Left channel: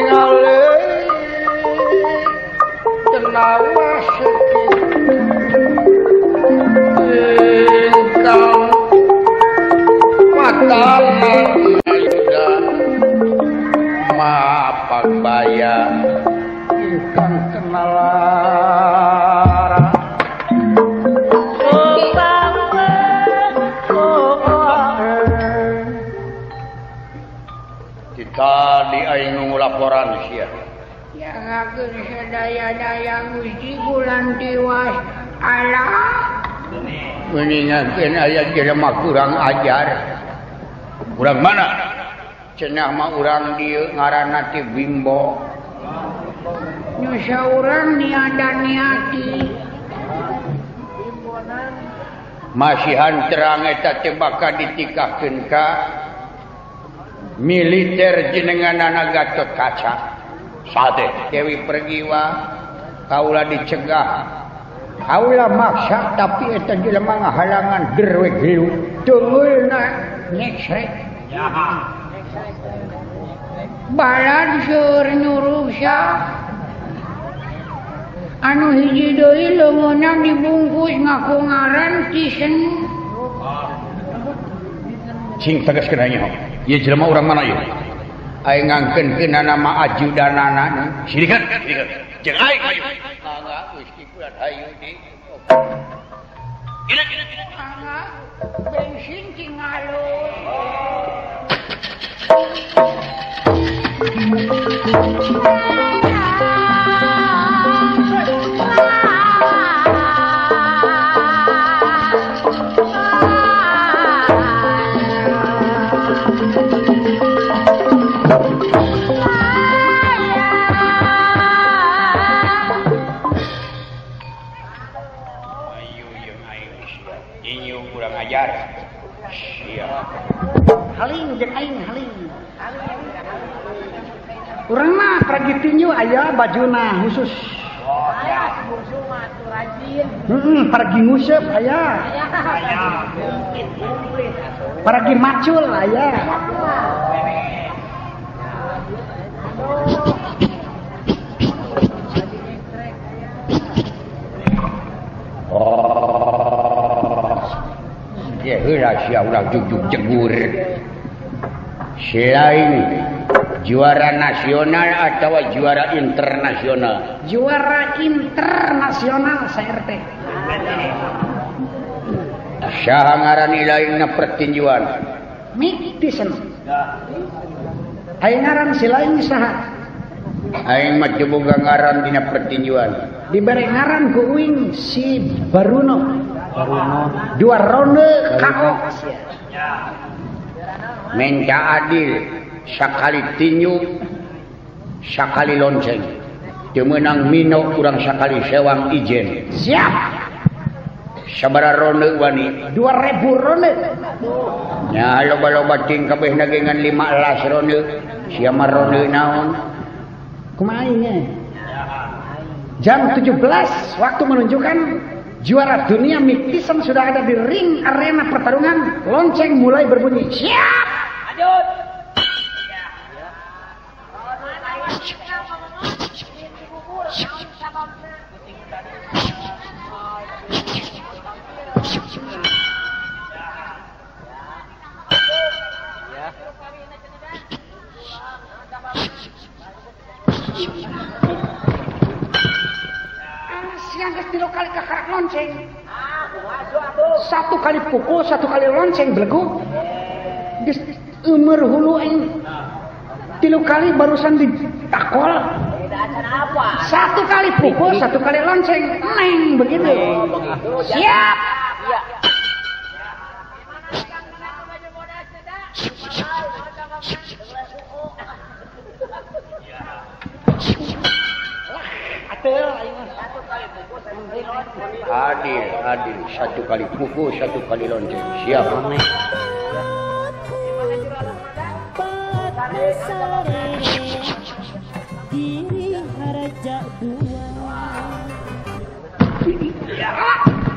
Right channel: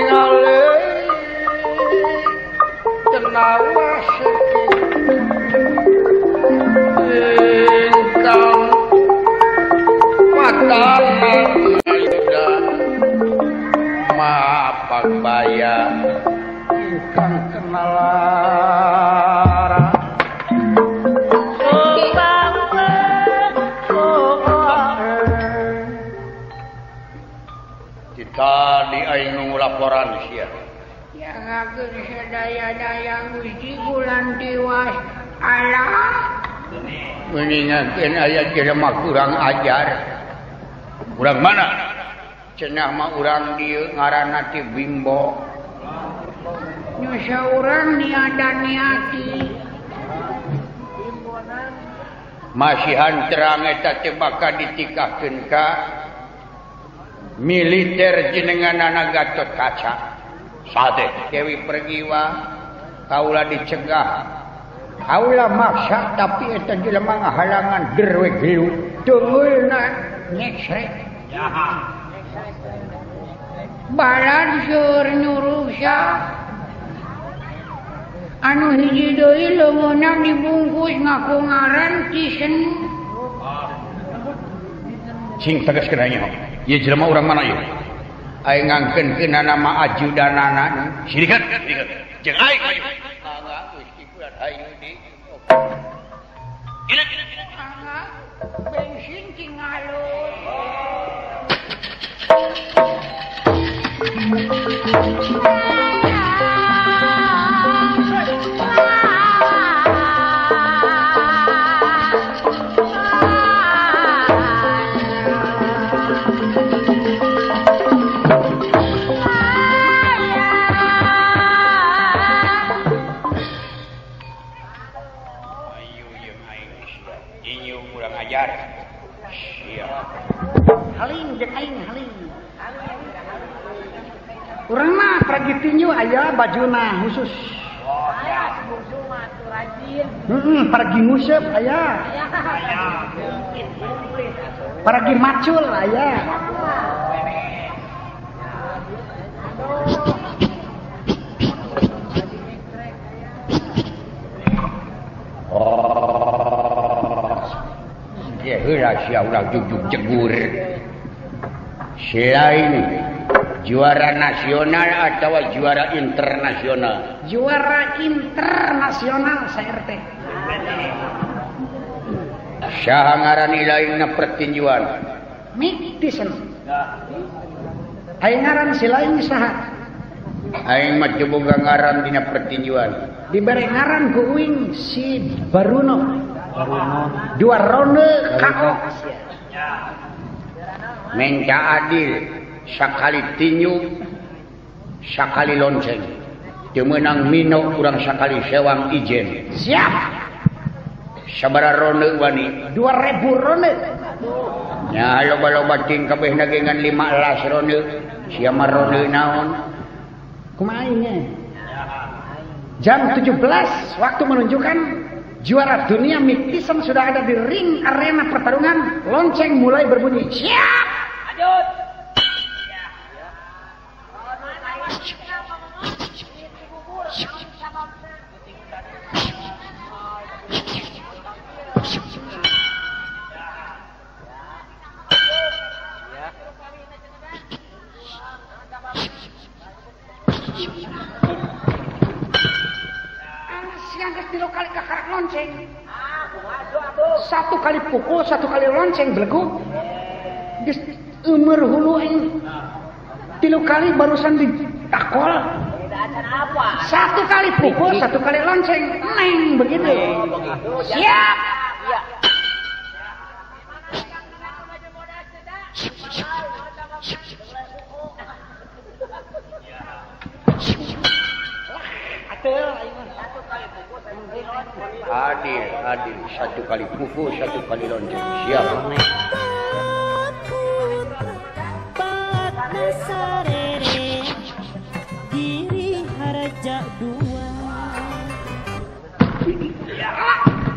ningali tenang ingkang fatal mayuda mapambaya ingkang kenalara kita di aing laporan sia ya ngakeun sadaya-daya Gusti bulan tiwas Allah meningatkeun aya jelema kurang ajar. Urang mana? Cenah mah urang dieu ngaranna ti Bimbo. Nu saurang niati Masihan terang eta teh bakal ditikahkeun ka militer jenenganana Gatot Kaca. Sate Dewi Pergiwa kaula dicegah. Kaula maksa tapi eta jelema ngahalangan derwe gelu. Tunggulna nyeksek. balan seur nyurusya anu hiji deui leungeunna dibungkus ngaku ngaran Cisen sing tegaskeun aya ieu jelema urang mana ieu aya ngangkeunkeunna nama ajudanana sirikeun jeung aing hayu mangga Gusti kuat hayu di gila mangga bensin tingalo haling jeung aing haling urang mah pergi tinju aya bajuna khusus aya bungsu mah atuh rajin pergi nguseup aya pergi macul aya ya heula sia ulah jugjug jegur selain juara nasional atau juara internasional? Juara internasional saya RT. Saha ngaran ilaingna pertinjuan? Miktisen. Aing ngaran si lain saha? Aing mah teu boga ngaran dina pertinjuan. Dibere ngaran ku uing si Baruno. Dua ronde KO. Minta adil sakali tinju sakali lonceng teu meunang mino urang sakali sewang ijen siap sabaraha ronde wani 2000 ronde nya loba-loba ting kabehna ge ngan 15 ronde sia mah ronde naon kumaha nya jam 17 waktu menunjukkan juara dunia Miktisen sudah ada di ring arena pertarungan lonceng mulai berbunyi siap lanjut siang geus 3 kali kakarak lonceng. Satu kali pukul, satu kali lonceng belegu. Geus umur hulu aing 3 kali barusan ditakol. Satu kali pukul, satu kali lonceng. Neng begitu. Siap. Adil, satu kali pukul, satu kali lonceng. Siap. Diri haraja dua.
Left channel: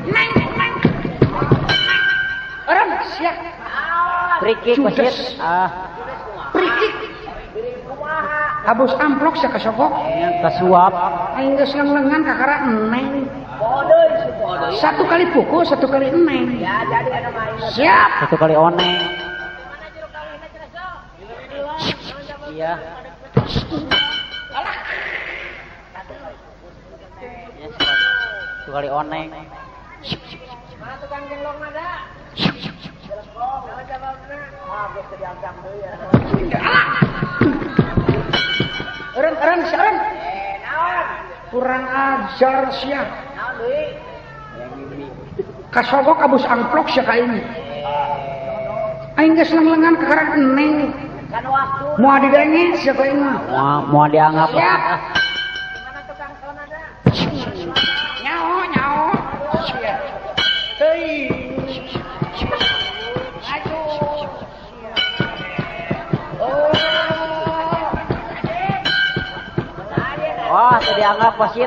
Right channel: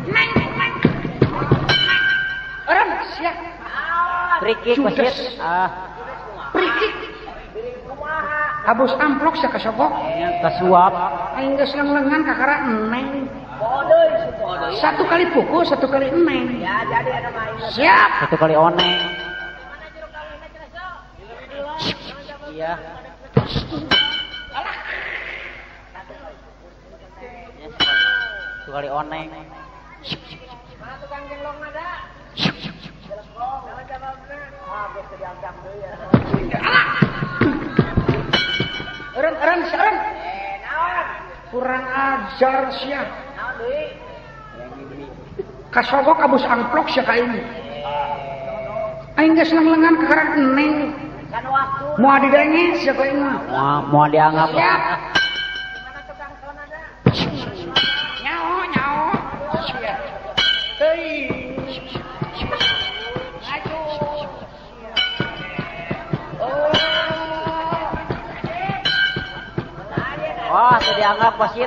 Neng. Orang siap. Free kick wasit. Free kick. abus amplok sia kasogok kasuap aing geus lengan kakara eneng satu kali pukul satu kali eneng siap satu kali oneng iya satu kali oneng Eren kurang ajar sia kasogok abus amplok sia ka ini aing geus lengan kakara eneng mau didenge sia ka ini mau dianggap siap nyaho siap hei wah sudah dianggap wasit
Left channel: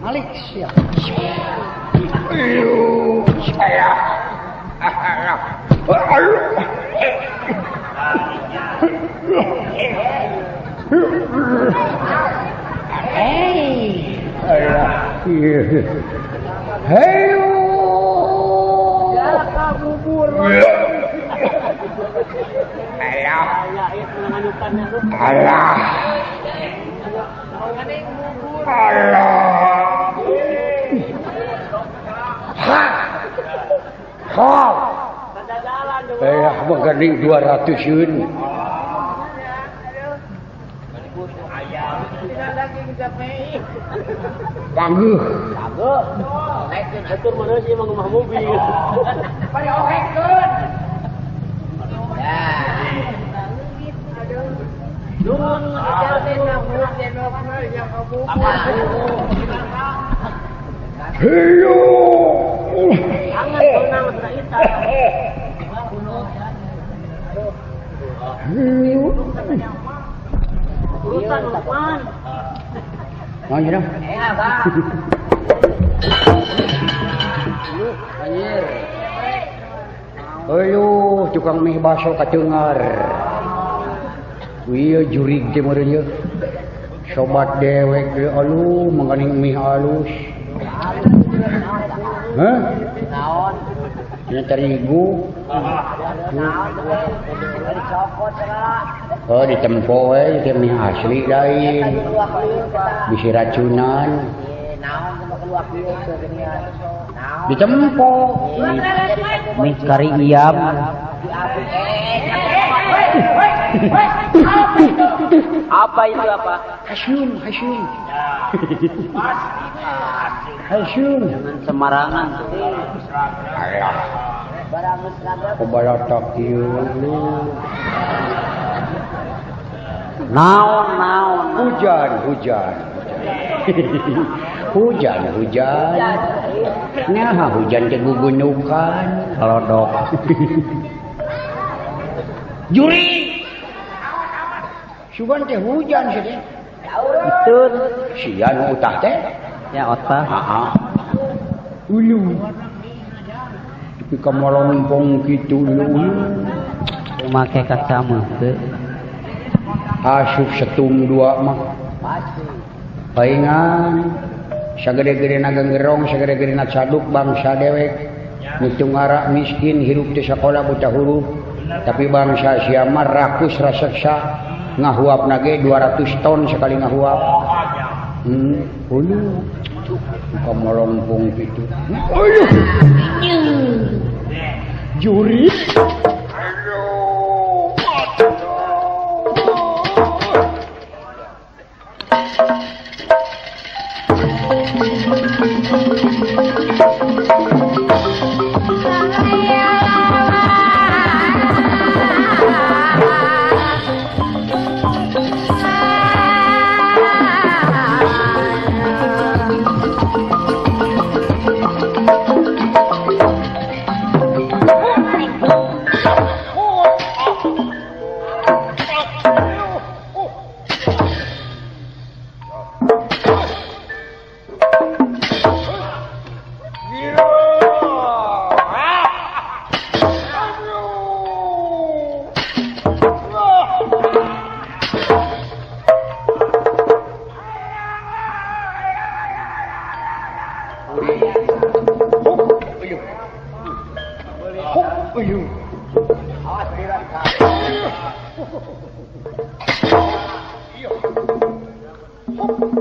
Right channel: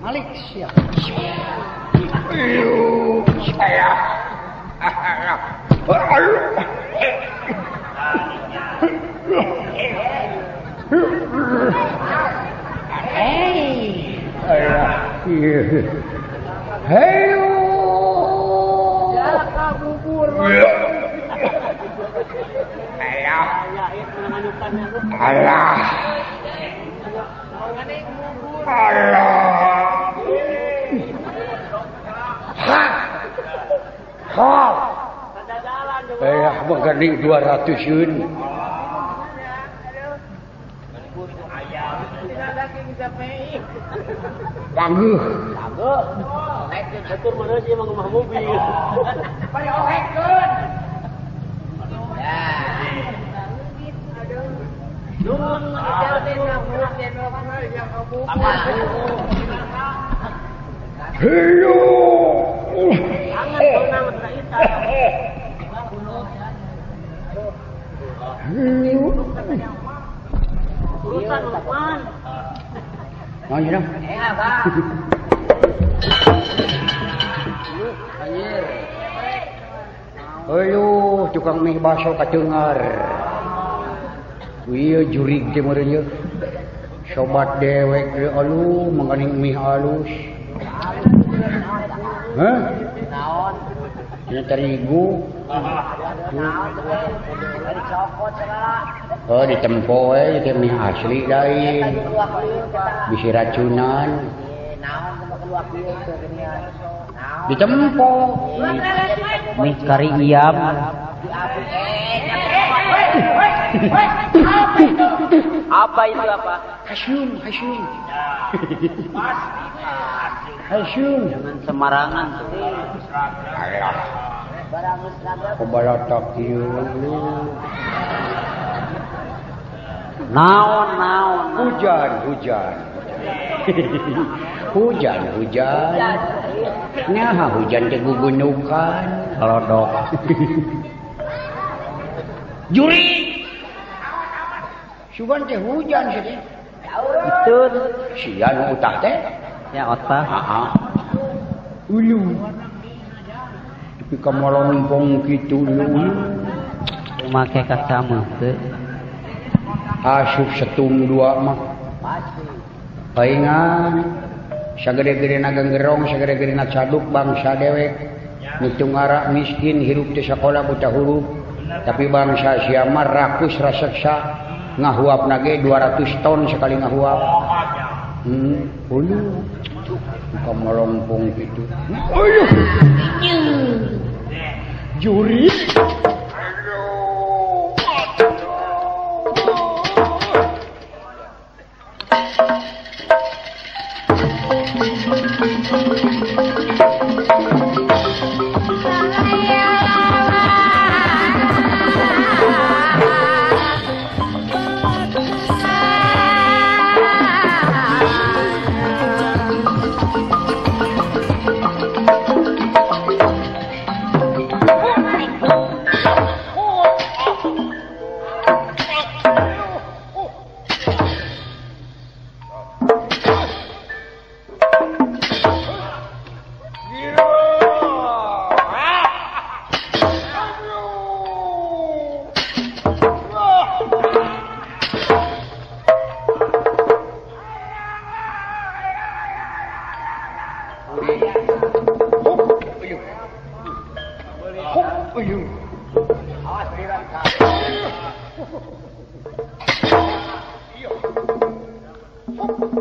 Malik siap Maganing 200 yun. Tangguh. Atur mana sih emang rumah mobil. Ayo tukang mie baso kacengar. Wieu jurig teh meureun yeuh. Sobat dewek teh aluh menganing mie halus. Hah? Naon? Nya terigu. Oh ditempo we teh mie asli lain. Bisi racunan. Ditempo. Mie kari iyam. Apa itu apa? Hasyun. Jangan semarangan. Alah. Kubalatak ieu. Naon. Hujan. Hujan. Nyaha hujan teh gugunukan, lodok. Juri. Sugan teh hujan sih. Itu Sian utah teh. ya otak. Ulu. Tapi kamalompong kitu ulu. Make kacamu teh. Asup setung dua mah. Paingan. Sagede-gede naga gerong, sagede-gede na caduk bangsa dewek. Ngitung arak miskin, hirup di sekolah buta huruf. Tapi bangsa siamar rakus raseksa. Ngahuap nage 200 ton sekali ngahuap. Ulu. Buka melompong gitu. Juri. Mundur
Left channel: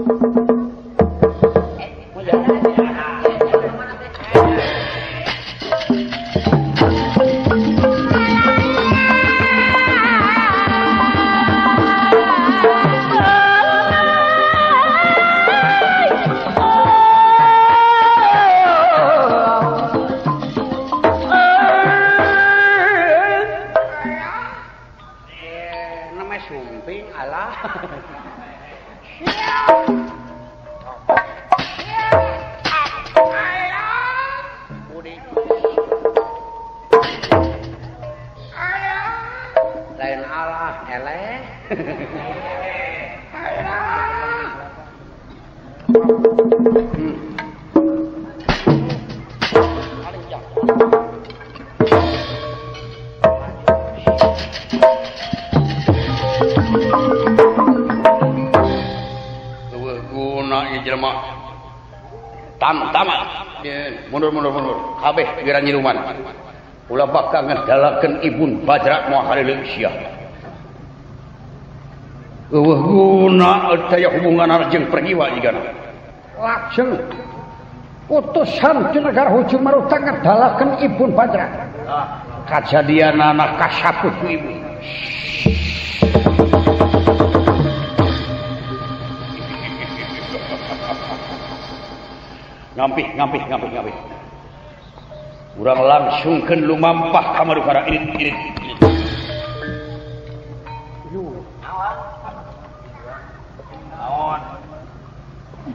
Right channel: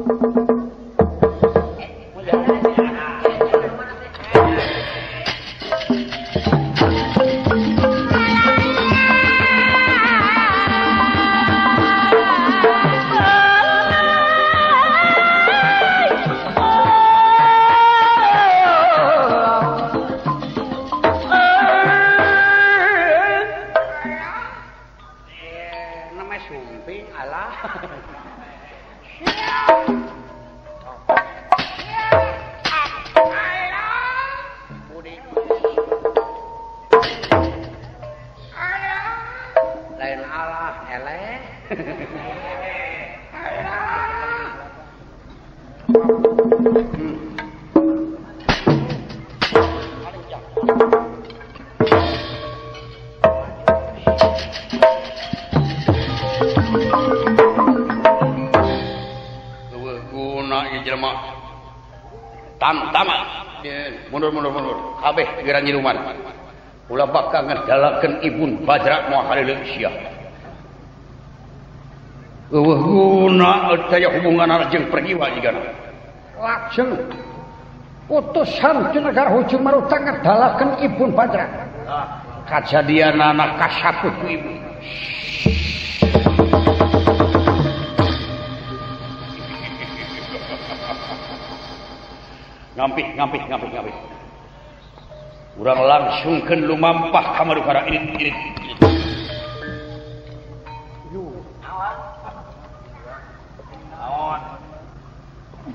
kabeh pikiran nyiluman ulah bakal ngedalakeun Ibun Bajra moal haleuleuh sia eueuh guna daya hubungan jeung pergiwa jigana lajeng utusan ti negara Hujung Maruta ngedalakeun Ibun Bajra kajadianana kasaput ku ibu ngampih urang langsungkeun lumampah ka Madukara irit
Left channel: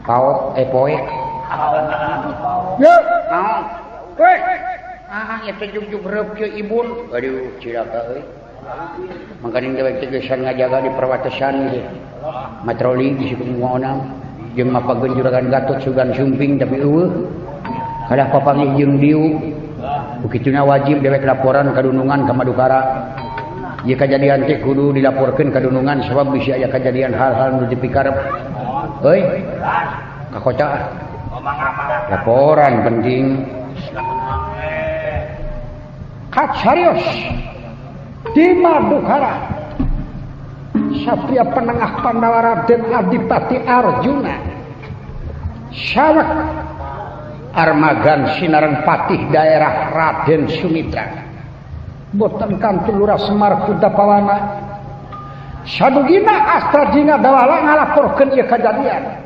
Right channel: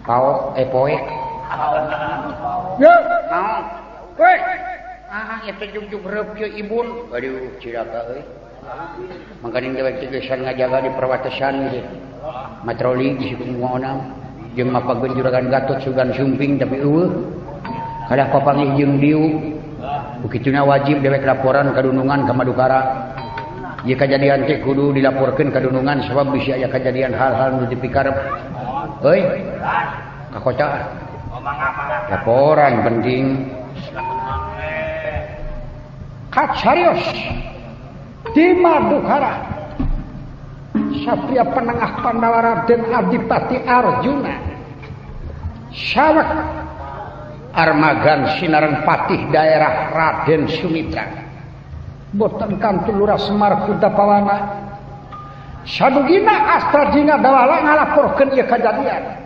kau poek ya naon poek nya teh jugjug reup ke Ibun aduh cilaka euy mangkaning dewek teh geus ngajaga di perwatesan gitu matroli bisi kumaha jeung mapageun juragan Gatot Sugan Sumping tapi eueuh kadah papanggih jeung diu bukituna wajib dewek laporan ka Dunungan ka Madukara ieu kajadian teh kudu dilaporkeun ka Dunungan sabab bisi aya kajadian hal-hal nu dipikarep euy ka kota laporan penting kacarios di Madukara Satria Penengah Pandawa Raden Adipati Arjuna Sawek Armagan Sinareng Patih daerah Raden Sumitra boten kanthi Lurah Semar Kudapawana sadugina Astradina Dawala ngalaporkeun ieu kajadian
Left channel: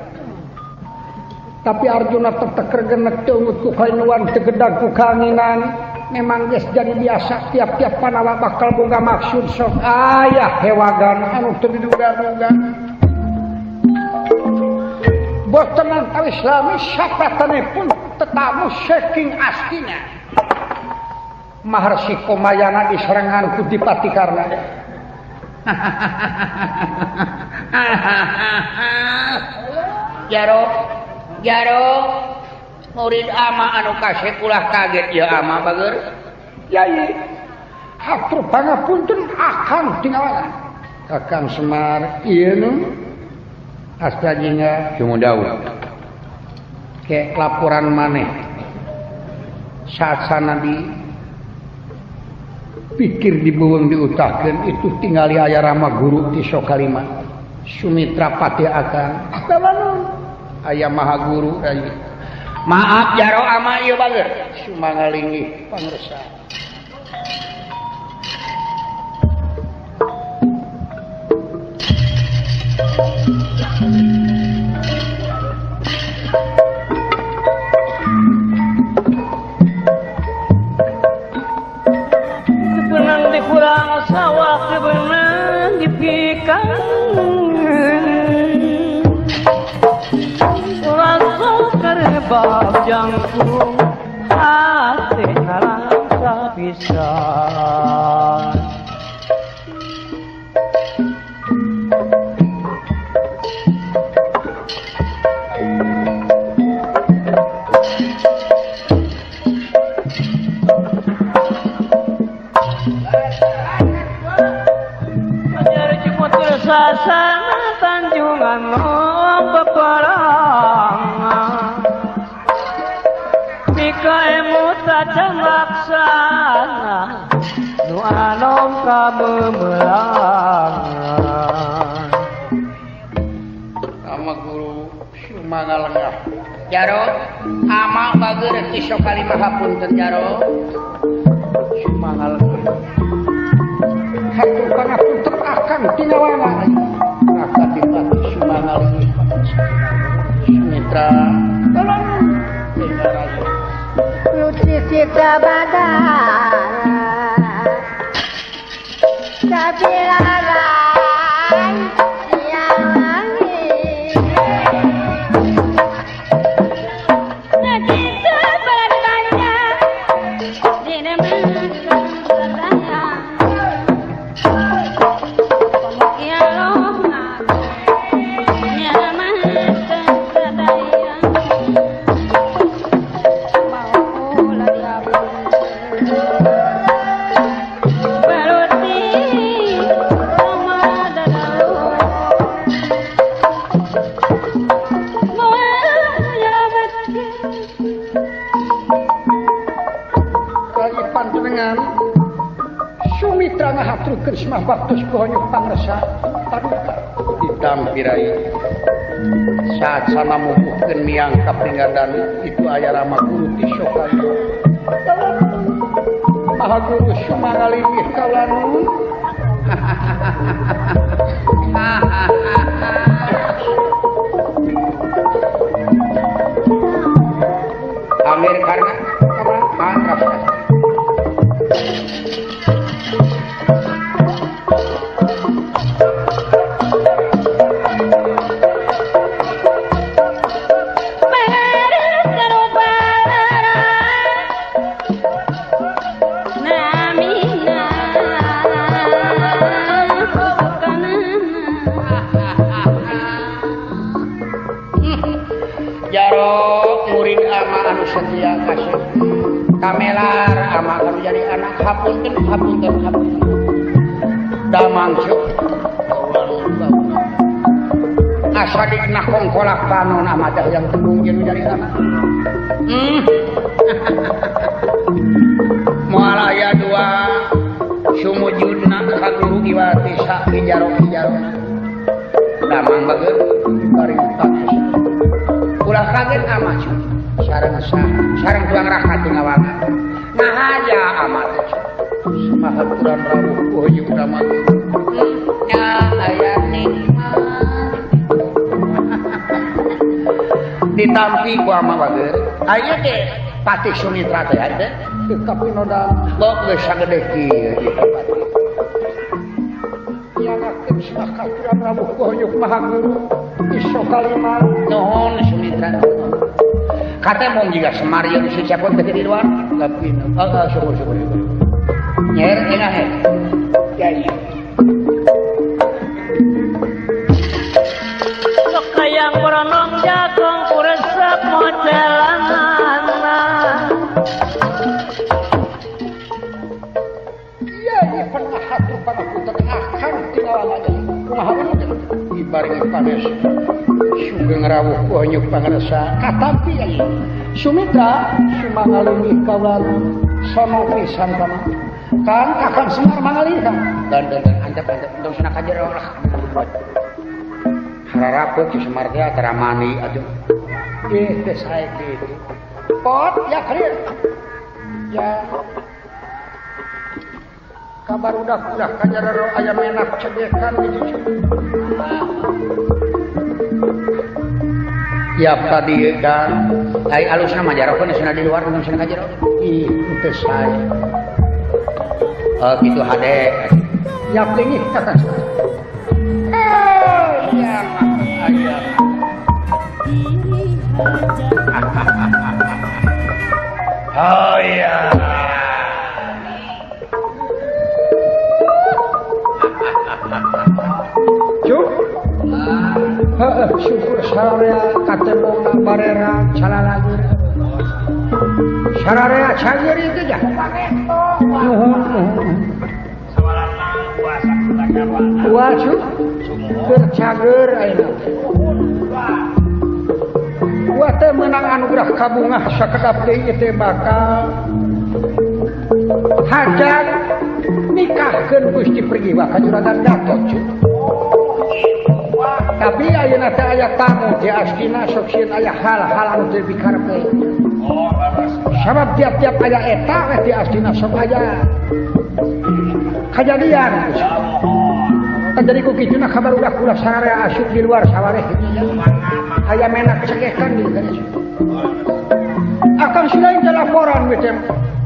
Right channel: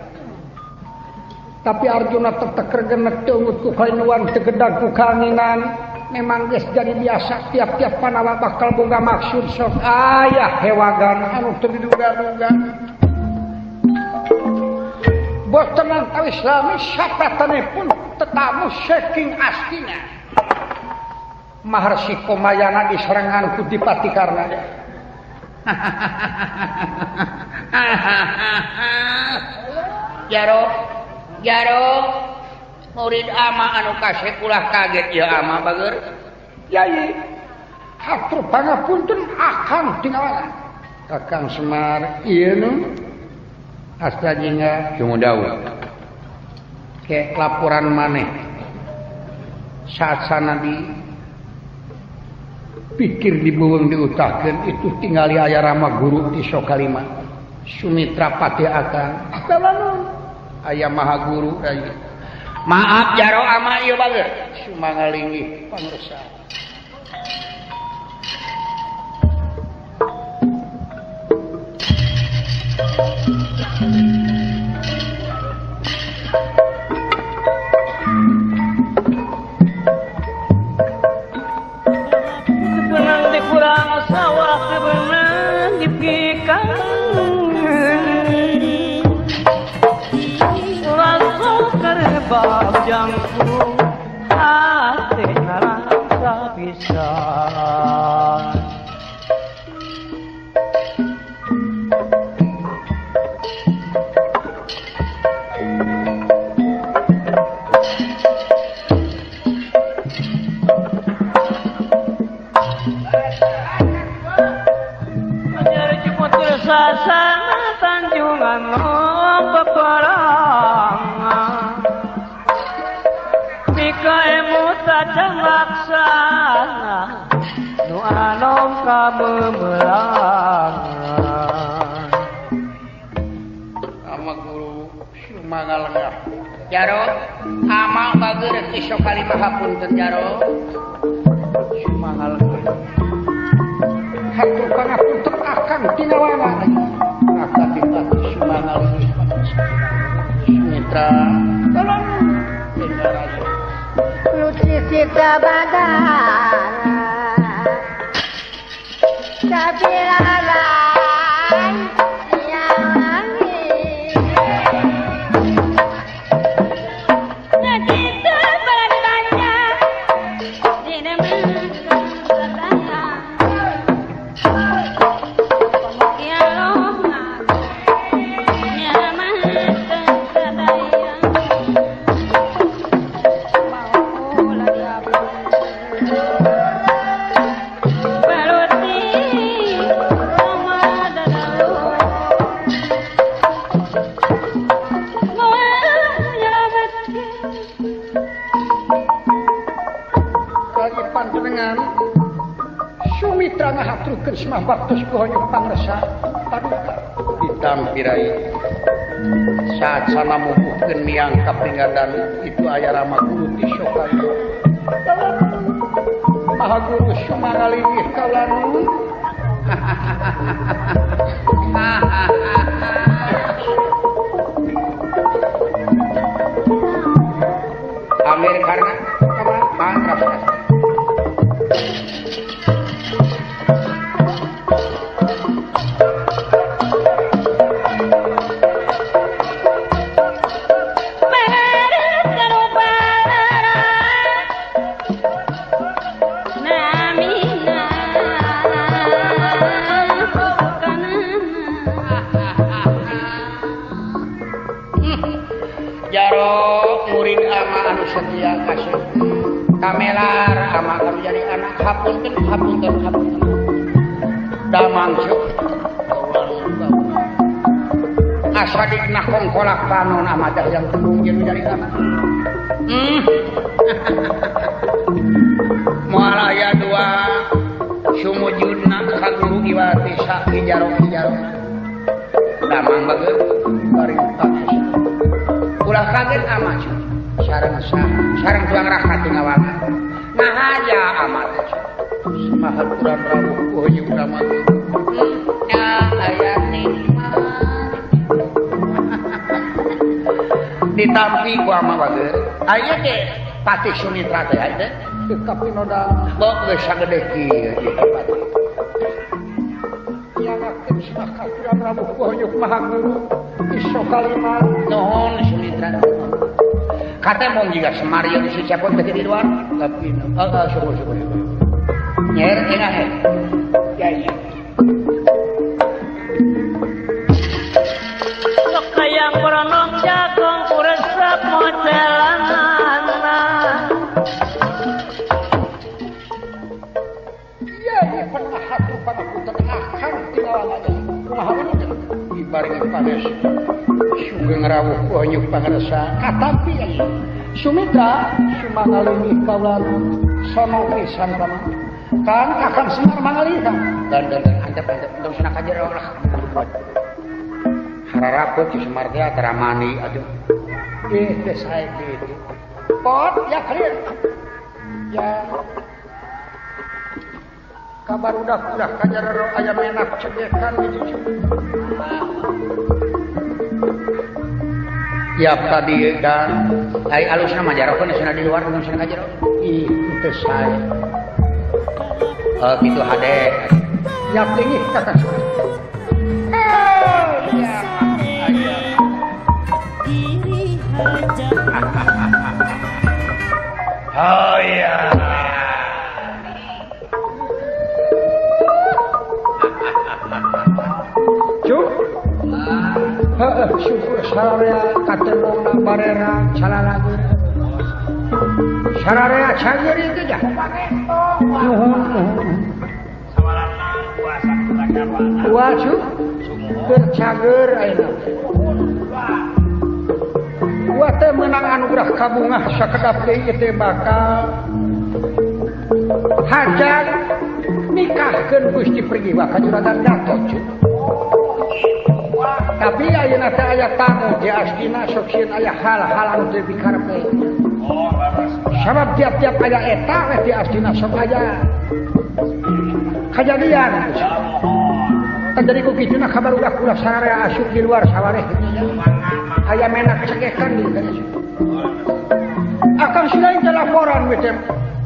tapi Arjuna teteker genet teu ngutuh kainuan tegedag ku kaanginan memang geus jadi biasa tiap-tiap panawa bakal boga maksud sok aya hewagan anu teu diduga-duga boten kali Islami sapatanipun tetamu saking astina Maharsi Komayana diserengan ku Dipati Karna Jaro murid ama anu kasep ulah kaget ya ama bageur yai hatur pangapunten akang tinggalan Kakang Semar ieu nu astajina Cumudau ke laporan maneh saat sana di pikir dibeuweung diutahkeun itu tingali aya Rama Guru ti Sokalima Sumitra Patih Akang salamun aya Maha Guru aya maaf Jaro ama ieu bageur sumangalingih pangresa Sumangalengah. Jaro, ama bager kisah kali mahapunten Jaro. Sumangalengah. Hatur pangapunten akan tinawana. Akadipati Sumangalengah. Mitra. Putri Sita Badara Sabilaran Siang Langit Nanti sebelah ditanya Di demen bertanya Ya Rohman Nyaman tersadaya Sumitra ngahaturkeun semah baktos kuhanyuk pangresa paduka Ditampirai saat sana mubuhkeun miang kapinggalan itu aya Rama Guru di Sokaya. Maha Guru Sumangalingih kaulanu Amir karena mangkap. Kamelar ama kami jadi anak hapunten damangsu asadik nak kongkolak panon amadah yang tembung jeung jadi anak malaya dua sumujudna ka guru iwati sak ijaro damang bageut baring patus ulah kaget amat sareng tuang rakat ngawana ngahaja amat semahaturan rawuh kuhuyuk Rama nya aya nikmat ditampi ku ama bageut aya teh Patih Sumitra teh aya teh tapi noda bok geus sagede kieu nyanakeun semah katuran rawuh kuhuyuk Maha Guru iso kalima nuhun Sumitra kata mau juga semarian si capon teh di luar tapi syukur nyer enak ya iya Sok kayang berenung jagung kuresep modelan iya ini pernah hatur pangapunten akan tinawana kumaha dibarengi panes sugeng rawuh kuhanyuk pangresa katampi aya Sumitra Sumangalingih kaulanu sono pisan kana kan akan Semar mangalih dan antep untuk sana kajer Allah harapkeun si Semar teh teramani atuh teh sae kitu pot ya clear ya kabar udah kajar aya menak cedekan gitu tiap tadi dan ai alus sama jarokna sana di luar mun sana kajer ih teu sae gitu hade ya deui kata Diri hajat oh iya syukur sararea katembongna barera calalagur sararea cager itu jah wasu bercager ayeuna wa teh meunang anugerah kabungah sakedap deui teh bakal hajat nikahkeun Gusti Prigiwa ka Juragan Gatot tapi ayeuna teh aya tamu di astina sok sieun aya hal-hal anu teu dikarepe. Sabab tiap-tiap aya eta di astina sok aya kejadian. Jadi ku kituna kabar ulah sararea asup di luar sawareh aya menak cegekan di dieu. Akan selain laporan we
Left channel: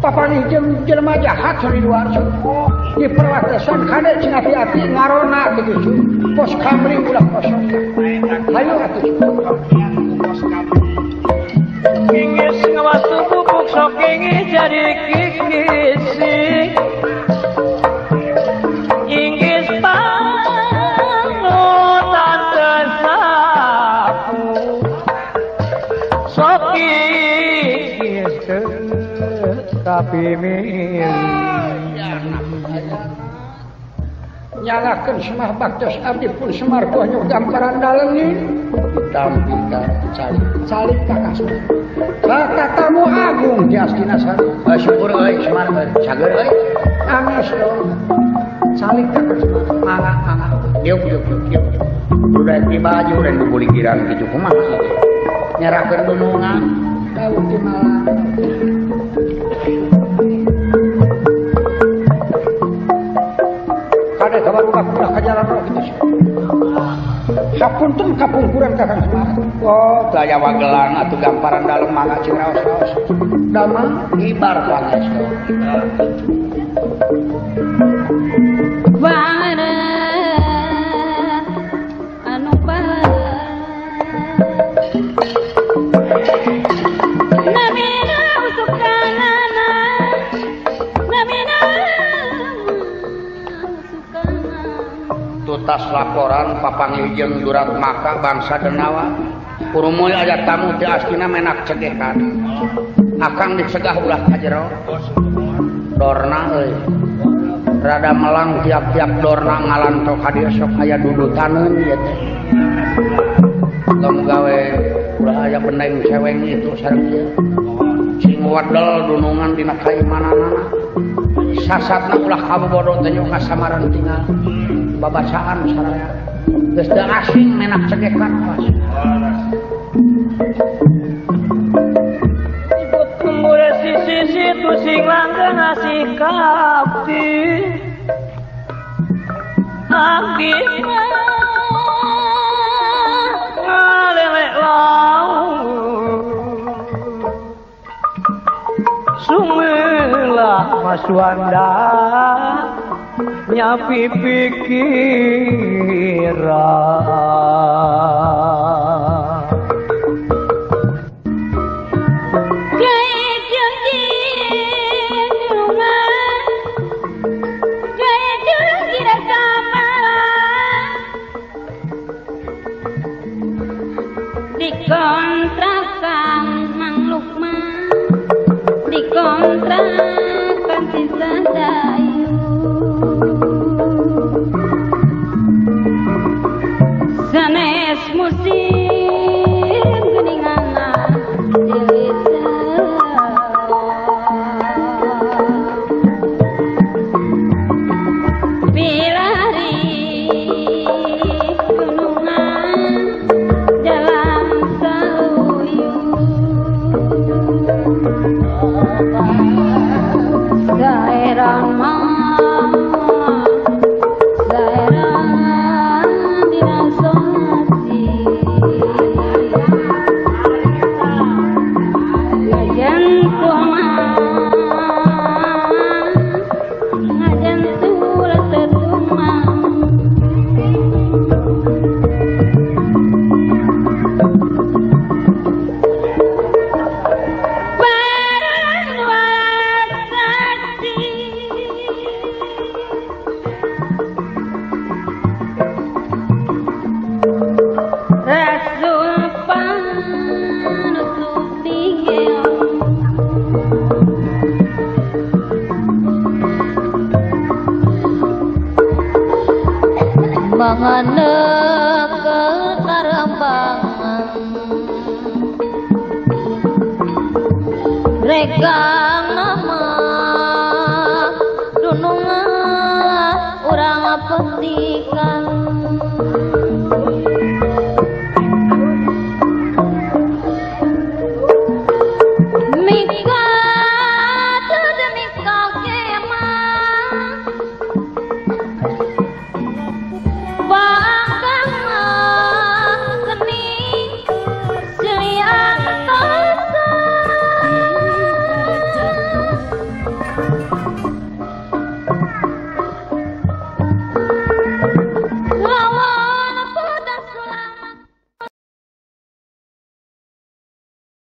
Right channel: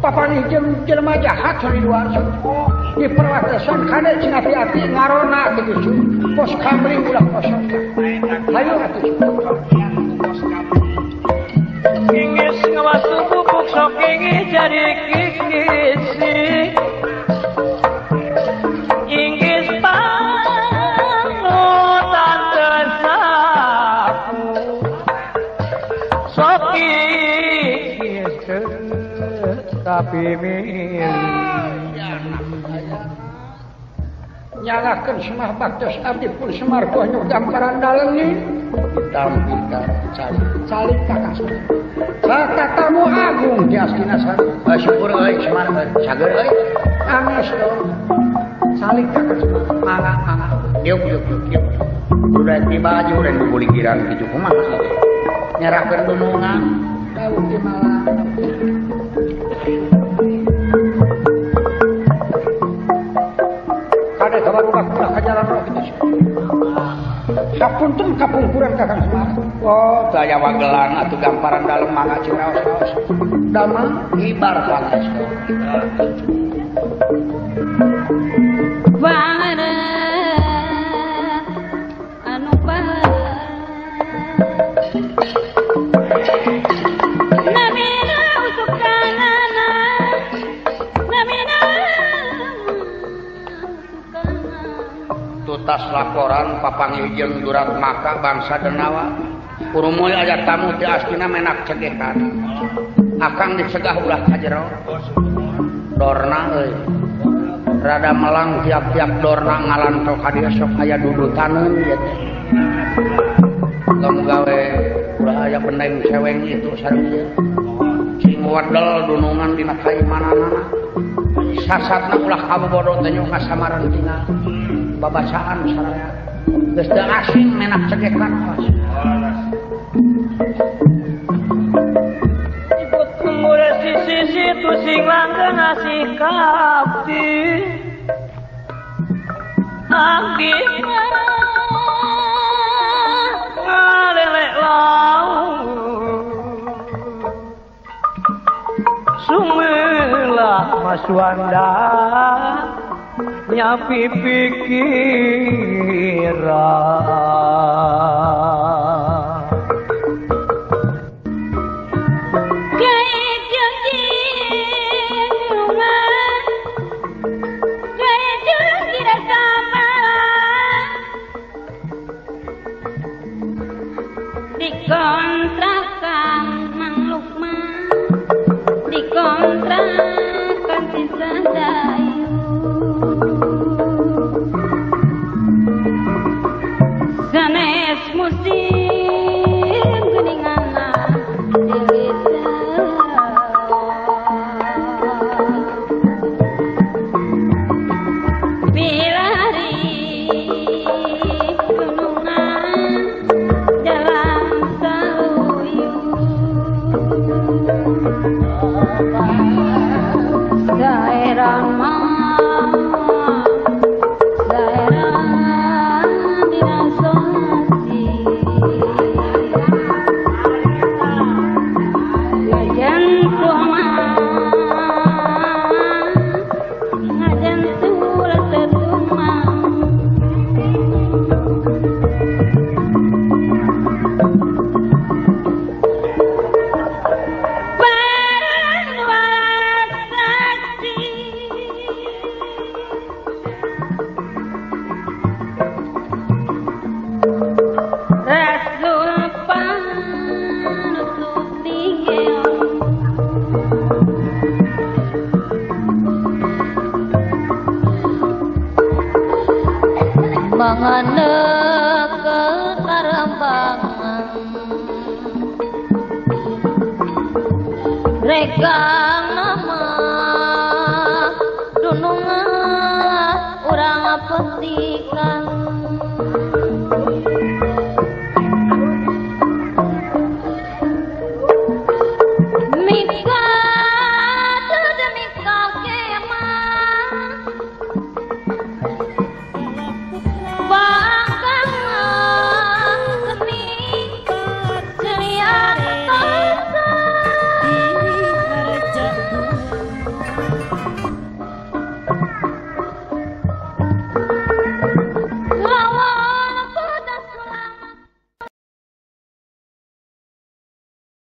papanih jelema jahat di luar di perbatasan kada cina api-api ngarona begitu pos kamling ulah kosong ayo atuh Kingis ngawatu bubuk sok kingis jadi kingisi Inggis panutan tersapu sok kingis tapi nyalakan semah baktos abdi pun semar pohon gambaran dalengi Kita calik kakas tamu agung di astina sana syukur euy semar sager euy. anas dong calik kakas mangga Yuk. Udah tiba aja udah dibuli kirang kitu kumaha nyerahkeun dunungan tahu di malam kada kabar ulah ke jalan roh kita hapunten kapungkuran kakang oh gaya wagelang atuh gamparan dalem mangga cing raos-raos damang ibar panas Bangada anu bala Nabina usukanana Nabina usukanana tutas laporan papangihjeun durat maka bangsa denawa urumul aya tamu di astina menak cegekan akang dicegah ulah ka jero dorna euy rada melang tiap-tiap dorna ngalanto ka dieu sok aya dudutaneun ieu teh tong gawe ulah aya bendeng ceweng itu sareng ieu sing wadal dunungan dina kaimanana sasatna ulah kabobodo teh nyoka samaran tinggal babacaan saraya geus teu asing menak cegekan Ikut kumure sisi tu sing langgeng asih kapti Abdi walele lau Sungguhlah Mas Wanda nyapi pikiran Gaya janji rumah Gaya janji rekaman Dikontrakan Mang Lukman Dikontrakan si Sandayu Sanes musim geningan dewita Bilari gunungan dalam saluyung daerah dirasati ngajen tulah tetumang barang wasati Rasul panutup digel Mangana kekarambangan Reka